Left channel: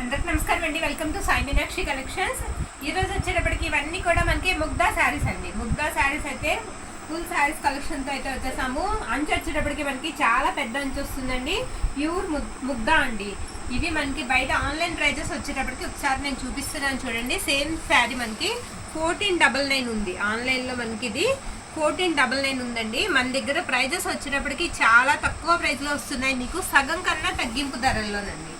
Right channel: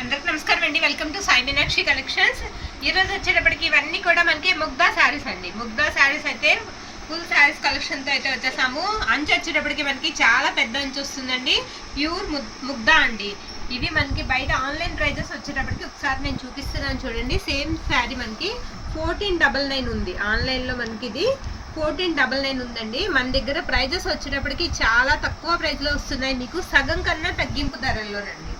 అందరికి నమస్కారం అండి. Welcome to Sai Meenakshi collections. ఈ రోజు వచ్చేటప్పటికి ఇవన్నీ కూడా మనకి ముగ్దా శారీస్ అండి. ముగ్దా శారీస్ అయితే ఫుల్ శారీస్ కలెక్షన్తో అయితే వచ్చేసాము. అంచు వచ్చేటప్పటికి మనకి చాలా పెద్ద అంచు వస్తుందండి. ప్యూర్ ముగ్దా అండి. ఇవి మనకి బయట ఆన్లైన్ ప్రైజెస్ వచ్చేటప్పటికి ఒకసారి నేను చూపిస్తున్నాను చూడండి. సేమ్ శారీ మనకి 1499 ఉంది. ఆన్లైన్లో మనకి ఇది 1499 ఉందండి. మన దగ్గర ప్రైజెస్ వచ్చేటప్పటికి చాలా తక్కువ ప్రైస్లో వస్తున్నాయి. మీకు సగం కన్నా తగ్గింపు ధరల్లోనండి.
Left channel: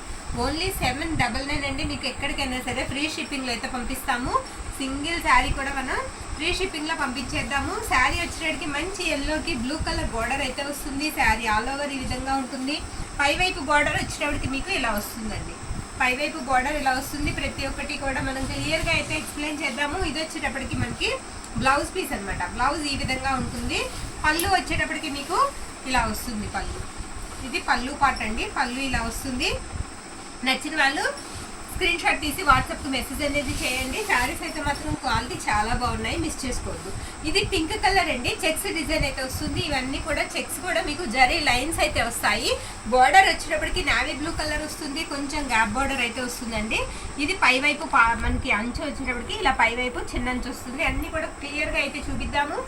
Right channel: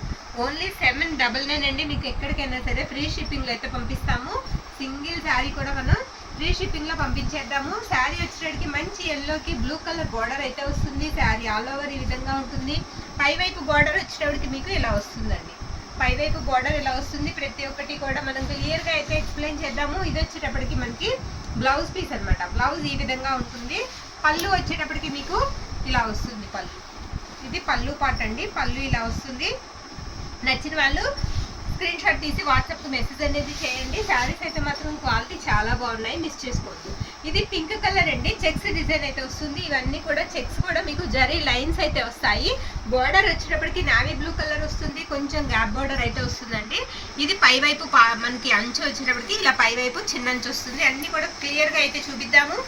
ఓన్లీ 799 అండి. మీకు ఎక్కడికైనా సరే ఫ్రీ షిప్పింగ్లో అయితే పంపిస్తాము. సింగిల్ శారీ కూడా మనం ఫ్రీ షిప్పింగ్లో పంపించేద్దాము. శారీ వచ్చేటప్పటికి మంచి ఎల్లోకి బ్లూ కలర్ బార్డర్ అయితే వస్తుంది. శారీ ఆల్ ఓవర్ ఈ విధంగా ఉంటుంది. పైవైపు బార్డర్ వచ్చేటప్పటికి మీకు ఇలా వస్తుందండి. పైవైపు బార్డర్ ఇలా వస్తుంది. ప్రతి ఒక్కటి కూడా మనం క్లియర్గా అయితే ఎక్స్ప్లెయిన్ చేద్దాము. ఇది వచ్చేటప్పటికి మనకి బ్లౌజ్ పీస్ అనమాట. బ్లౌజ్ ఈ విధంగా ఉంటుంది. పళ్ళు వచ్చేటప్పటికి మీకు ఇలా వస్తుంది. పళ్ళు ఇది పళ్ళు పార్ట్ అండి. పళ్ళు ఇలా వస్తుంది. నచ్చిన వాళ్ళు స్క్రీన్ షాట్ తీసి వాట్సాప్కి మెసేజ్ అనేది చేయండి. శారీస్ అయితే మాత్రం క్వాలిటీ చాలా బాగున్నాయి, మిస్ చేసుకోవద్దు. ఇది పింక్ కలర్ అండి. చెక్స్ డిజైన్ అయితే వస్తుంది. ఇవన్నీ కూడా చెక్స్ కూడా మీకు జరీ లైన్స్ అయితే వస్తాయి. బార్డర్ వచ్చేటప్పటికి నావీ బ్లూ కలర్ వస్తుంది. కొంచెం గ్యాప్ బార్డర్ అయితే వస్తుందండి. ఇది పైవైపు మనకి అంచు వచ్చేటప్పటికి ఇలా పైవైపు చిన్న అంచు వస్తుంది. అన్నీ కూడా క్లియర్గా అయితే చూపిద్దాము.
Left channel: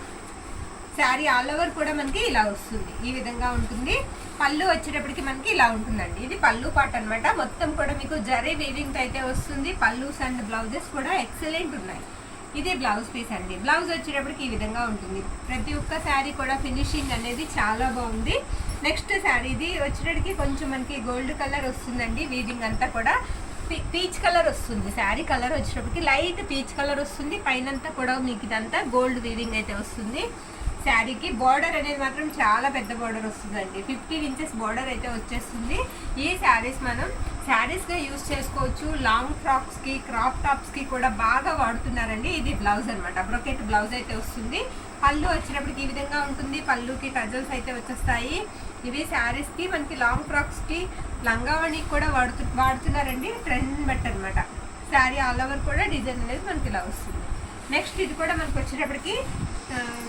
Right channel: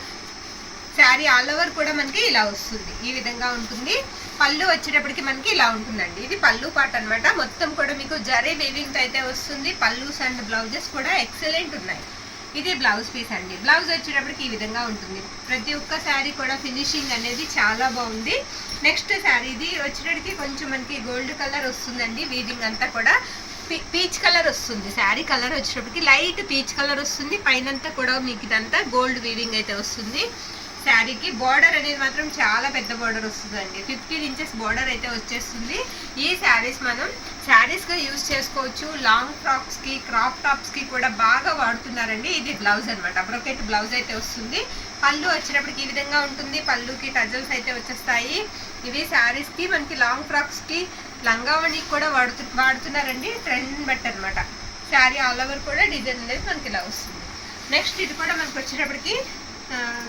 శారీ ఆల్ ఓవర్ కూడా మనకి ఇలా వస్తుంది. ఈ విధంగా ఉంటుంది. పళ్ళు వచ్చేటప్పటికి మనకి ఇలా ఉంటుందండి. ఇది పళ్ళు పార్ట్ అనమాట. మొత్తం కూడా మీకు జరీ వీవింగ్ అయితే వస్తుంది. పళ్ళుస్ అండ్ బ్లౌజెస్ కూడా ఎక్సలెంట్ ఉన్నాయి. ఇది బ్లౌజ్ పీస్ అండి. బ్లౌజ్ వచ్చేటప్పటికి ఈ విధంగా ఉంటుంది. ప్రతి ఒక్క శారీ కూడా ఫినిషింగ్ అనేది చాలా బాగుంది. నెక్స్ట్ శారీ ఇది వచ్చేటప్పటికి కొంచెం మనకి గోల్డ్ కలర్ వస్తుందండి. వీవింగ్ అంతా కూడా పీచ్ కలర్ వస్తుంది. శారీ కలర్ వచ్చేటప్పటికి లైట్ పీచ్ కలర్ వస్తుంది. పైనంతా కూడా మీకు ఇదంతా గోల్డ్ వీవింగ్ అయితే వస్తుంది. శారీకి బార్డర్ అనేది మాత్రం చాలా పెద్ద బార్డర్ వస్తుందండి. 15 ఇంచెస్ బార్డర్ అయితే వచ్చేస్తుంది. ఈ శారీస్ మనం శారీస్గా యూజ్ చేసుకోవచ్చు. లాంగ్ ఫ్రాక్స్కి, క్రాప్ టాప్స్కి కూడా బాగా వాడుతున్నారండి. ఇది బ్లౌజ్ అనమాట. బ్రొకెట్ బ్లౌజ్ అయితే వస్తుంది. పళ్ళు వచ్చేటప్పటికి ఈ విధంగా ఉంటుంది. పళ్ళుకి టజల్స్ అయితే వచ్చేస్తాయి. ఇవి శారీస్కి మనకి లాంగ్ ఫ్రాక్స్కి, లంగావణికి కూడా వాడుతున్నారండి. ట్రెండ్ బట్టి అనమాట. శారీ ఆల్ ఓవర్ కూడా డిజైన్ అనేది మనకి ఇలా వస్తుంది. నెక్స్ట్ ఇది కూడా మనకి వచ్చేటప్పటికి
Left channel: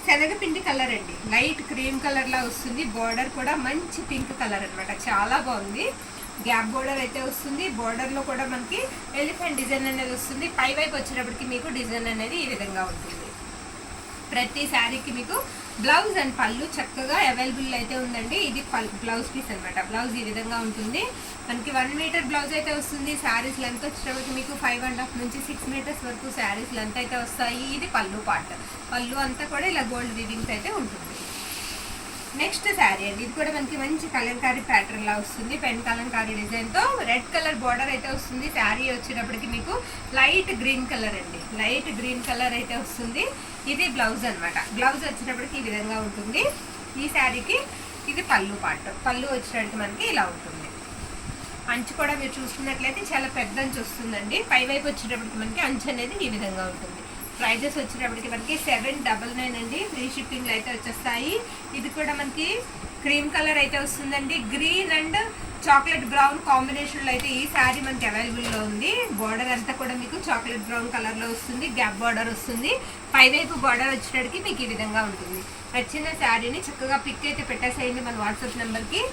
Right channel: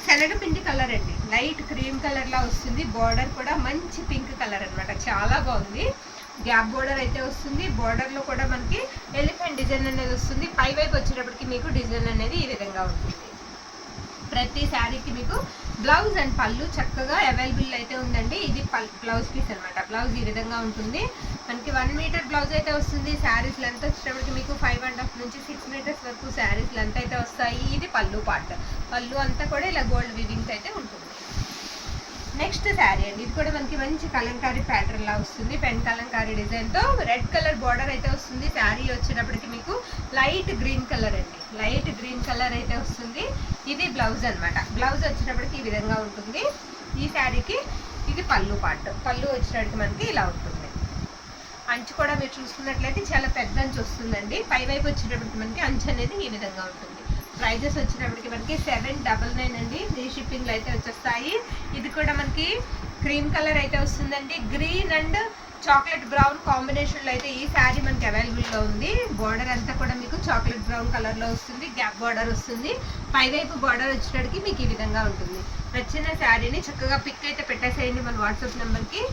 శనగపిండి కలర్ అండి. లైట్ క్రీమ్ కలర్లా వస్తుంది. బార్డర్ కూడా మంచి పింక్ కలర్ అనమాట. చాలా బాగుంది. గ్యాప్ బార్డర్ అయితే వస్తుంది. బార్డర్లో కూడా మనకి ఎలిఫెంట్ డిజైన్ అనేది వస్తుంది. పైవైపు వచ్చేటప్పటికి మీకు డిజైన్ అనేది ఈ విధంగా ఉంటుంది. ప్రతి శారీకి మీకు బ్లౌజ్ అండ్ పళ్ళు చక్కగా అవైలబుల్ అయితే ఉందండి. ఇది బ్లౌజ్ పీస్ అనమాట. బ్లౌజ్ ఈ విధంగా ఉంటుంది. మనకి 1 మీటర్ బ్లౌజ్ అయితే వస్తుంది. శారీస్ లెంత్ వచ్చేటప్పటికి మీకు 5.5 నుంచి 6 మీటర్స్ వరకు శారీస్ లెంత్ అయితే వస్తాయి. ఇది పళ్ళు పార్ట్. పళ్ళు అంతా కూడా ఇలా గోల్డ్ వీవింగ్స్ అయితే ఉంటుంది. నెక్స్ట్ శారీ అండి. ఇది కూడా మనకి మంచి కలంకారీ ప్యాటర్న్ లా వస్తుంది. పెన్ కలంకారీ డిజైన్తో రెడ్ కలర్ బార్డర్ అయితే వస్తుంది. శారీ వచ్చేటప్పటికి మీకు లైట్ గ్రీన్ కలర్ అండి. లైట్ గ్రీన్ కలర్ అయితే వస్తుంది. ఇది బ్లౌజ్ అనమాట. బ్లౌజ్ వచ్చేటప్పటికి ఈ విధంగా ఉంటుంది. ఈ శారీకి ఇది పళ్ళు పార్ట్. పళ్ళు వచ్చేటప్పటికి మనకి ఇలా ఉంటుంది. అంచు కూడా మీరు చూసుకున్నట్లయితే చాలా పెద్ద అంచు వస్తుందండి. పైవైపు వచ్చేటప్పటికి మనకి అంచు అనేది ఈ విధంగా ఉంటుంది. ప్రైజెస్ వచ్చేటప్పటికి మనకి 799 అండి. ఫ్రీ షిప్పింగ్లో అయితే వచ్చేస్తాయి. ఇది కూడా మనకి క్రీమ్ కలర్ అయితే వస్తుందండి. గ్రీన్ అండ్ చాక్లెట్ బ్రౌన్ కాంబినేషన్లో అయితే ఈ శారీ మనకి అవైలబుల్లో ఉంది. బార్డర్ అంతా కూడా మీకు చాక్లెట్ బ్రౌన్ కలర్లో వస్తుంది. గ్యాప్ బార్డర్ వస్తుంది. పైవైపు బార్డర్ వచ్చేటప్పటికి మీకు ఈ విధంగా ఉంటుంది. నచ్చిన శారీని చక్కగా పిక్ అయితే పెట్టేసేయండి. మన వాట్సాప్ నెంబర్కి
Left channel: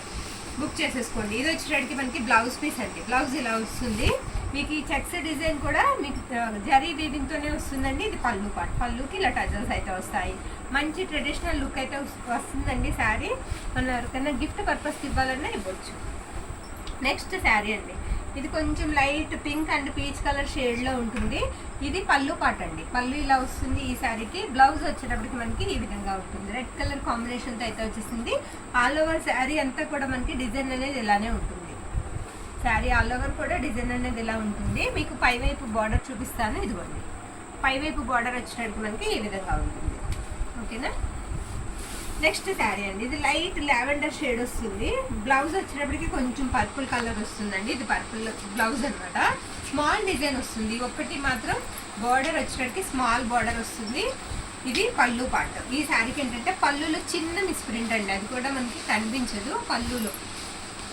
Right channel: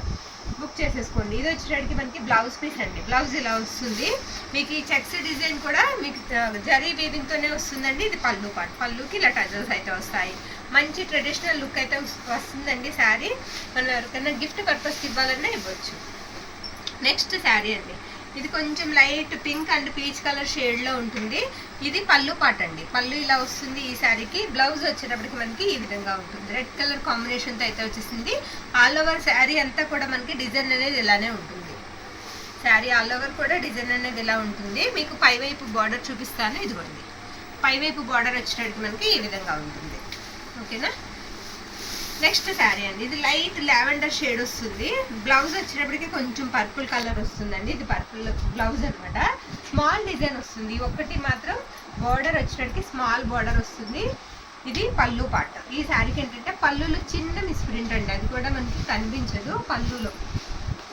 బుక్ చేసేసుకోండి. ఇది వచ్చేటప్పటికి మనకి బ్లౌజ్ పీస్ అండి. బ్లౌజ్ ఇలా వస్తుంది. మీకు ఈ చెక్స్ డిజైన్ కూడా మీకు జరీ వీవింగ్తోనే వస్తుందండి. ఇది పళ్ళు పార్ట్. పళ్ళుకి ఇలా టజల్స్ అయితే వస్తాయి. మంచి ట్రెడిషనల్ లుక్ అయితే వస్తుందండి శారీ. మనం ఎవరికైనా గిఫ్ట్ పర్పస్కి ఇవ్వాలన్నా ఇవ్వచ్చు. నెక్స్ట్ శారీ అండి. ఇది కొంచెం light pink and peach colour షేడ్లో ఉంటుంది. ఇది పళ్ళు పార్ట్ అండి. పళ్ళు ఇలా వస్తుంది ఈ శారీకి. బ్లౌజ్ వచ్చేటప్పటికి మనకి ఈ విధంగా ఉంటుంది. రెడ్ కలర్ కాంబినేషన్తో అయితే వచ్చేసింది. ఆల్ ఓవర్ శారీ అంతా కూడా మనకి డిజైన్ అనేది ఇలానే ఉంటుంది. శారీ ఆల్ ఓవర్ కూడా డిజైన్ అనేది ఇలా ఉంటుంది. మీకు పైవైపు బార్డర్ చూపిస్తాను. ఇదిగోండి. పైవైపు బార్డర్ వచ్చేటప్పటికి మనకి ఈ విధంగా ఉంటుంది. ఓకేనా. నెక్స్ట్ శారీ అండి. ఇది లైట్ లావెండర్ షేడ్ వస్తుంది. బ్లౌజ్ వచ్చేటప్పటికి కొంచెం పర్పుల్ కలర్ వస్తుందండి. ఇది పర్పుల్ బ్లౌజ్ అనమాట. స్మాల్ డిజైన్ వస్తుంది. ఒకటి మాత్రం బార్డర్ వచ్చేటప్పటికి స్మాల్ బార్డర్ వస్తుంది. ఇది పళ్ళు పార్ట్. ఈ శారీకి ఏంటంటే పళ్ళులో చిన్న మిస్ప్రింట్ అండి. అది కూడా మనకి కనిపించదు.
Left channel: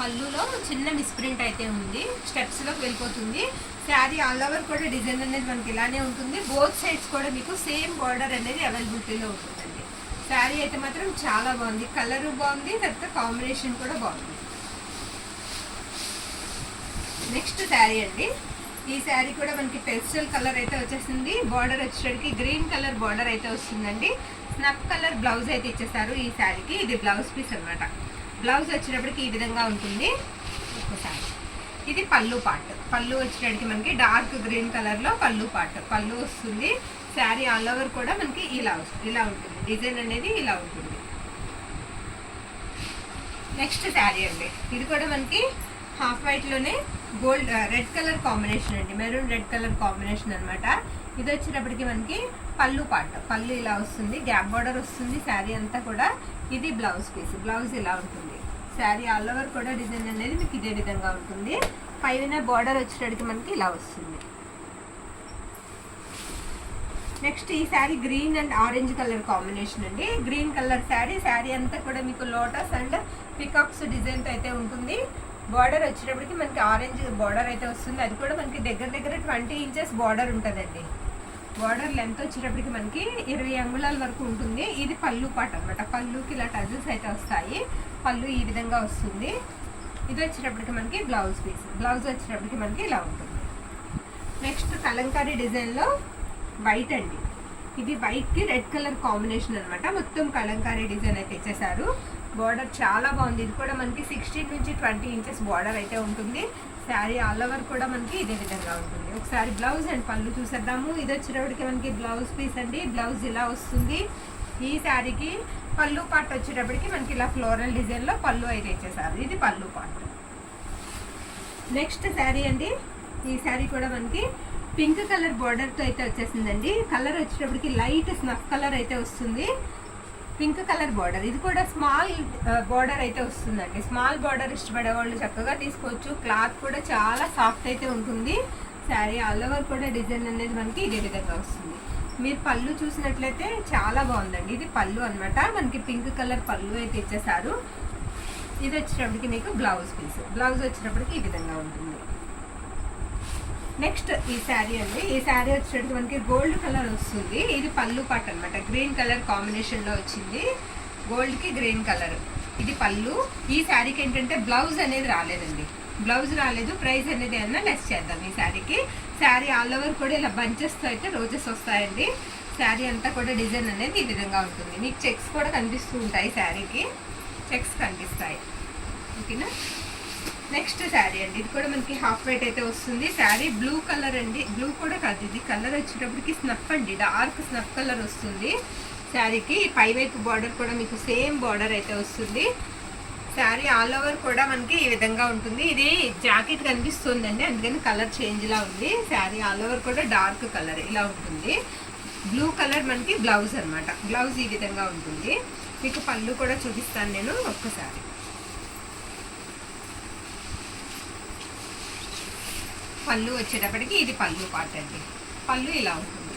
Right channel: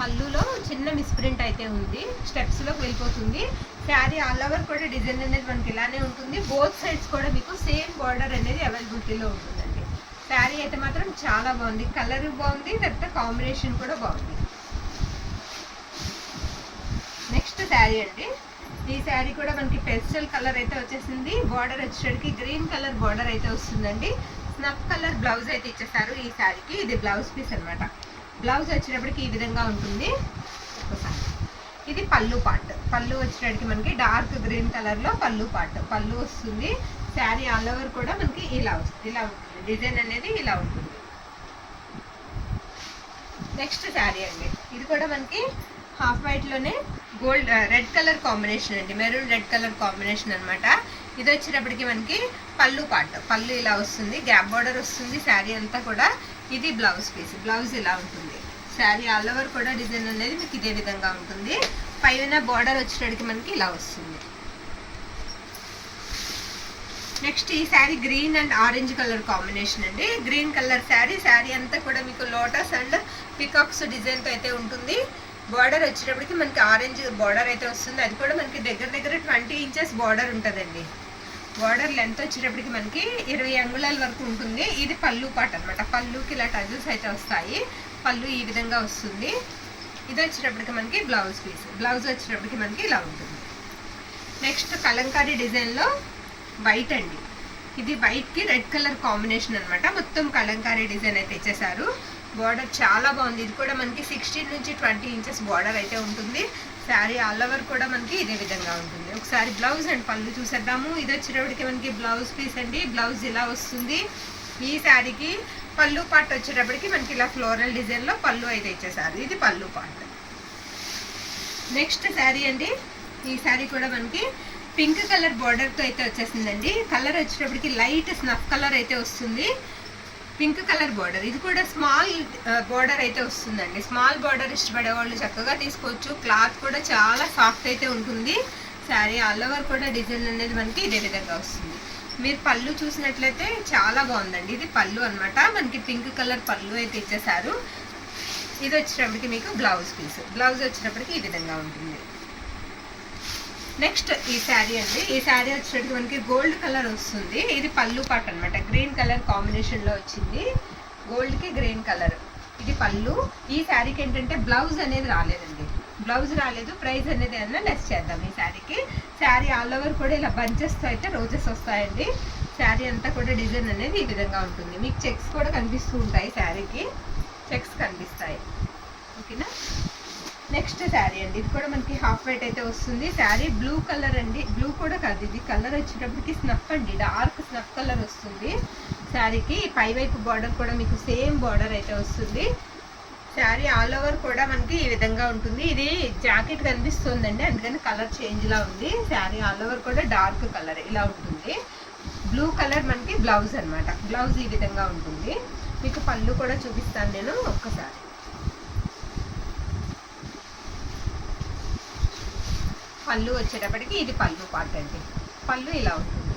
పళ్ళులో చిన్న మిస్ప్రింట్ అయితే ఉంది. స్టెప్స్లోకి వెళ్ళిపోతుంది. శారీ ఆల్ ఓవర్ కూడా డిజైన్ అనేది మనకి ఇలానే ఉంటుంది. బోత్ సైడ్స్ కూడా మీకు సేమ్ బార్డర్ అనేది అవైలబిలిటీలో ఉంటుందండి. శారీ అయితే మాత్రం చాలా బాగుంది. కలర్ బాగుంది. తర్వాత కాంబినేషన్ కూడా బాగుంది. నెక్స్ట్ శారీ అండి. ఈ శారీ కూడా మనకి పెస్టల్ కలర్ అయితే వచ్చేసింది. బార్డర్ వచ్చేసరికి గ్రీన్ కలర్ బార్డర్ అయితే వస్తుందండి. స్నఫ్ కలర్ బ్లౌజ్ అయితే ఇచ్చేసారు ఈ శారీకి. ఇది బ్లౌజ్ పీస్ అనమాట. బ్లౌజ్ వచ్చేటప్పటికి ఈ విధంగా ఉంటుంది. ఒకసారి ఇది పళ్ళు పార్ట్. పళ్ళు వచ్చేటప్పటికి మనకి డార్క్ గ్రీన్ కలర్లో పళ్ళు పార్ట్ పళ్ళు వస్తుంది. శారీ ఆల్ ఓవర్ కూడా మనకి ఇలా ఉంటుంది. డిజైన్ అనేది ఇలా ఉంటుంది. నెక్స్ట్ శారీ అండి. ఇది కూడా మనకి హాఫ్ వైట్లోనే గోల్డ్ రెడ్ కలర్ కాంబినేషన్ అండి. మెరూన్ రెడ్ కలర్ కాంబినేషన్ అనమాట. ఇది వచ్చేటప్పటికి మనకి పళ్ళు పార్ట్. పళ్ళు ఇలా వస్తుంది. గ్యాప్ బార్డర్ వస్తుంది శారీ అంతా కూడా. ఇది బ్లౌజ్ పీస్. బ్లౌజ్ ఇలా ఉంటుంది. శారీ ఆల్ ఓవర్ కూడా డిజైన్ అనేది మీకు ఇదే విధంగా ఉంటుంది. పైన బార్డర్ వచ్చేటప్పటికి మనకి ఇలా వస్తుంది. నెక్స్ట్ ఈ sari green and orange colour combination అండి. Green colour sari. శారీ అంతా కూడా మీకు లోటస్ అండ్ పికాక్స్ డిజైన్తో అయితే ఉంటుంది. బార్డర్ వచ్చేటప్పటికి మనకి ఆరెంజ్ బార్డర్ అయితే వస్తుంది. అది కూడా మనకి దగ్గర 20 ఇంచెస్ బార్డర్ ఉంటుందండి. బార్డర్ లెంత్ వచ్చేటప్పటికి మనకి 20 అంగుళాల వరకు ఉంటుంది. ఇది పళ్ళు పార్ట్ అనమాట. పళ్ళుకి ఇలా టజల్స్ అయితే వస్తాయి. పళ్ళు ఈ విధంగా వస్తుంది. ఇది వచ్చేటప్పటికి మనకి బ్లౌజ్ పీస్. బ్లౌజ్ వచ్చేటప్పటికి మనకి ఇలా ఉంటుంది. నెక్స్ట్ కలంకారీ డిజైన్లో వైట్ అండి. ఇది వైట్కి రెడ్ కలర్ కాంబినేషన్ అనమాట. మొత్తం కలంకారీ డిజైన్ అయితే ఇచ్చేసారు. బార్డర్ చాలా బాగుంది. ఇది కూడా మనకి 16 నుంచి 20 ఇంచెస్ బార్డర్ అయితే ఉంటుంది. శారీ ఆల్ ఓవర్ కూడా మనకి ఇదే విధంగా ఉంటుంది. ఒకసారి బ్లౌజ్ అండ్ పళ్ళు చూసేద్దాము. ఇది వచ్చేటప్పటికి మనకి బ్లౌజ్ పీస్ అండి. బ్లౌజ్ ఇలా వస్తుంది. ఈ శారీకి పళ్ళు పార్ట్ వచ్చేటప్పటికి మనకి ఇలా ఫ్లోరల్ డిజైన్లో పళ్ళు అయితే ఇచ్చేసారు. ఇది పళ్ళు పార్ట్. నెక్స్ట్ శారీ అండి. ఈ శారీ కూడా మనకి పింక్ కలర్ బార్డర్తో అయితే వచ్చేసిందండి. కలర్ వచ్చేటప్పటికి లైట్ స్నఫ్ కలర్ అయితే వస్తుంది. Pink colour border. ఇది కూడా స్మాల్ బార్డర్ అయితే వస్తుందండి. స్మాల్ బార్డర్ ఇష్టపడే వాళ్ళు చక్కగా తీసుకోవచ్చు. క్లాత్ కూడా చాలా సాఫ్ట్ అయితే ఉంటుంది. శారీ ఆల్ ఓవర్ కూడా డిజైన్ అనేది మనకి ఇదే విధంగా వస్తుంది. మీరు పళ్ళు చూసినట్లయితే చాలా బాగుందండి. ఇది పళ్ళు అనమాట. మనకి పింక్ కలర్ పళ్ళు అయితే ఇచ్చేసారు. ఇది వచ్చేటప్పటికి మీకు బ్లౌజ్ పీస్. బ్లౌజ్ వచ్చేటప్పటికి ఈ విధంగా ఉంటుంది. నెక్స్ట్ ఈ శారీ అండి. ఈ శారీ వచ్చేటప్పటికి మనకి గోల్డ్ కలర్ వస్తుంది. ఇది పళ్ళు పార్ట్ అనమాట. గ్రీన్ కలర్ కాంబినేషన్లో వచ్చింది. గోల్డ్కి గ్రీన్ కలర్. ఇది పళ్ళు. ఈ శారీకి ఏంటంటే బ్లౌజ్ అనేది రాలేదండి. బ్లౌజ్ రాలేదు. ప్రైస్ అనేది అన్నా లెస్ చేద్దాం ఈ శారీకి. శారీ ఆల్ ఓవర్ కూడా ఇలా బంచెస్తో అయితే రోజెస్ వస్తాయండి. శారీ అంతా కూడా డిజైన్ అనేది ఈ విధంగా ఉంటుంది. మీకు చెక్స్ కూడా కనిపిస్తూ ఉంటాయి. శారీకి చెక్స్ కనిపిస్తాయి. ఓకేనా. నెక్స్ట్ శారీ అండి. ఇది కూడా మనకి హాఫ్ వైట్ అయితే వస్తుంది. శారీ బ్లూ కలర్ అండి. బ్లూ కూడా కాదు, ఇది కలర్ వచ్చేటప్పటికి స్నఫ్ అండి. డార్క్ స్నఫ్ కలర్ వస్తుంది శారీకి. పై వైపు బార్డర్ కూడా మీకు సేమ్ బార్డర్ అయితే వస్తుంది. శారీ ఆల్ ఓవర్ కూడా మనకి ఈ విధంగా ఉంటుంది. ఇది జాకెట్ కనిపిస్తుందండి, అందుకని కలర్ చేంజ్లా ఉంది. శారీ ఆల్ ఓవర్ కూడా డార్క్ కలర్ ఇలా ఉంటుంది. బ్లూ కలర్ మనకి బ్లౌజ్ అనమాట. బ్లౌజ్ ఈ విధంగా ఉంటుంది. మీకు పళ్ళు కూడా చూపిస్తాను నేను ఒక్కసారి. పళ్ళు వచ్చేటప్పటికి ఇది పళ్ళు పార్ట్ అండి. పళ్ళు ఇలా ఉంటుంది.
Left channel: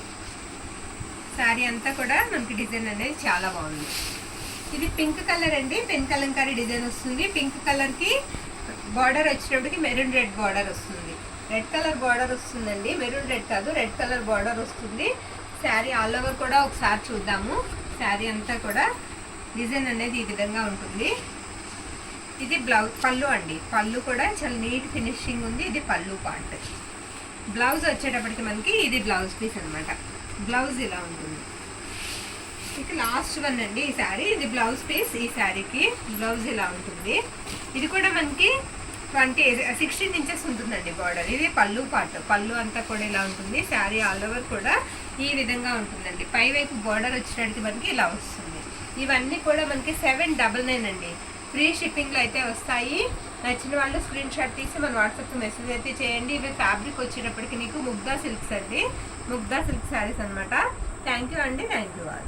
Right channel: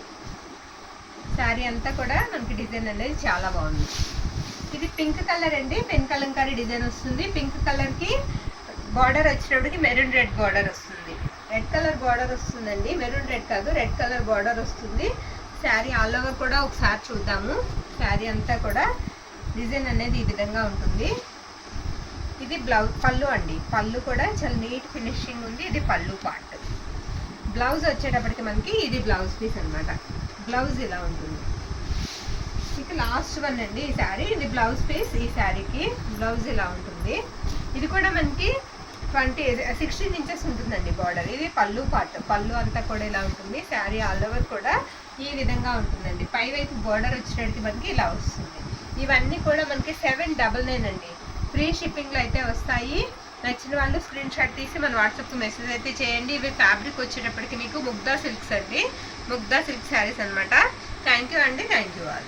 శారీ అంతా కూడా మనకి డిజైన్ అనేది చాలా బాగుంది. ఇది పింక్ కలర్ అండి. పెన్ కలంకారీ డిజైన్ వస్తుంది. పింక్ కలర్కి బార్డర్ వచ్చేటప్పటికి మెరూన్ రెడ్ బార్డర్ వస్తుంది. రెడ్ కలర్ బార్డర్ వస్తుందండి. మెరూన్ రెడ్ కాదు, రెడ్ కలర్ బార్డర్ వస్తుంది. శారీ ఆల్ ఓవర్ కూడా ఒకసారి చూద్దాము. శారీ అంతా కూడా డిజైన్ అనేది ఈ విధంగా ఉంటుంది. ఇది బ్లౌజ్ పళ్ళు అండి. పళ్ళు కూడా చాలా నీట్ ఫినిషింగ్ ఉంది. ఇది పళ్ళు పార్ట్. బ్లౌజ్ వచ్చేటప్పటికి మనకి ఇది బ్లౌజ్ పీస్ అనమాట. బ్లౌజ్ ఇలా ఉంటుంది. ఇక లాస్ట్ వన్ అండి ఈ శారీ. ఇది బ్లౌజ్ పీస్. ఈ శారీకి బ్లౌజ్ ఇలా ఉంటుంది. ఇది కూడా మనకి 16 ఇంచెస్ ఉంటుందండి బార్డర్. ఇది పళ్ళు పార్ట్. పళ్ళు అంతా కూడా ఇలా ఉంటుంది. శారీ ఆల్ ఓవర్ కూడా ఈ విధంగా ఉంటుందండి. పై వైపు బార్డర్ వచ్చేటప్పటికి మనకి ఇలా వస్తుంది. ఇవన్నీ కూడా మనకి 799 అండి. ఫ్రీ షిప్పింగ్లో అయితే వస్తాయి. నచ్చిన వాళ్ళు స్క్రీన్ షాట్ తీసి మన వాట్సాప్కి మెసేజ్ అయితే చేయండి. ఇవి ఫ్యాబ్రిక్ వచ్చేటప్పటికి మీకు ముగ్దా సిల్క్స్ అండి. ముగ్దా సిల్క్ శారీస్ అనమాట. థ్యాంక్ యూ అండి. Thank you all.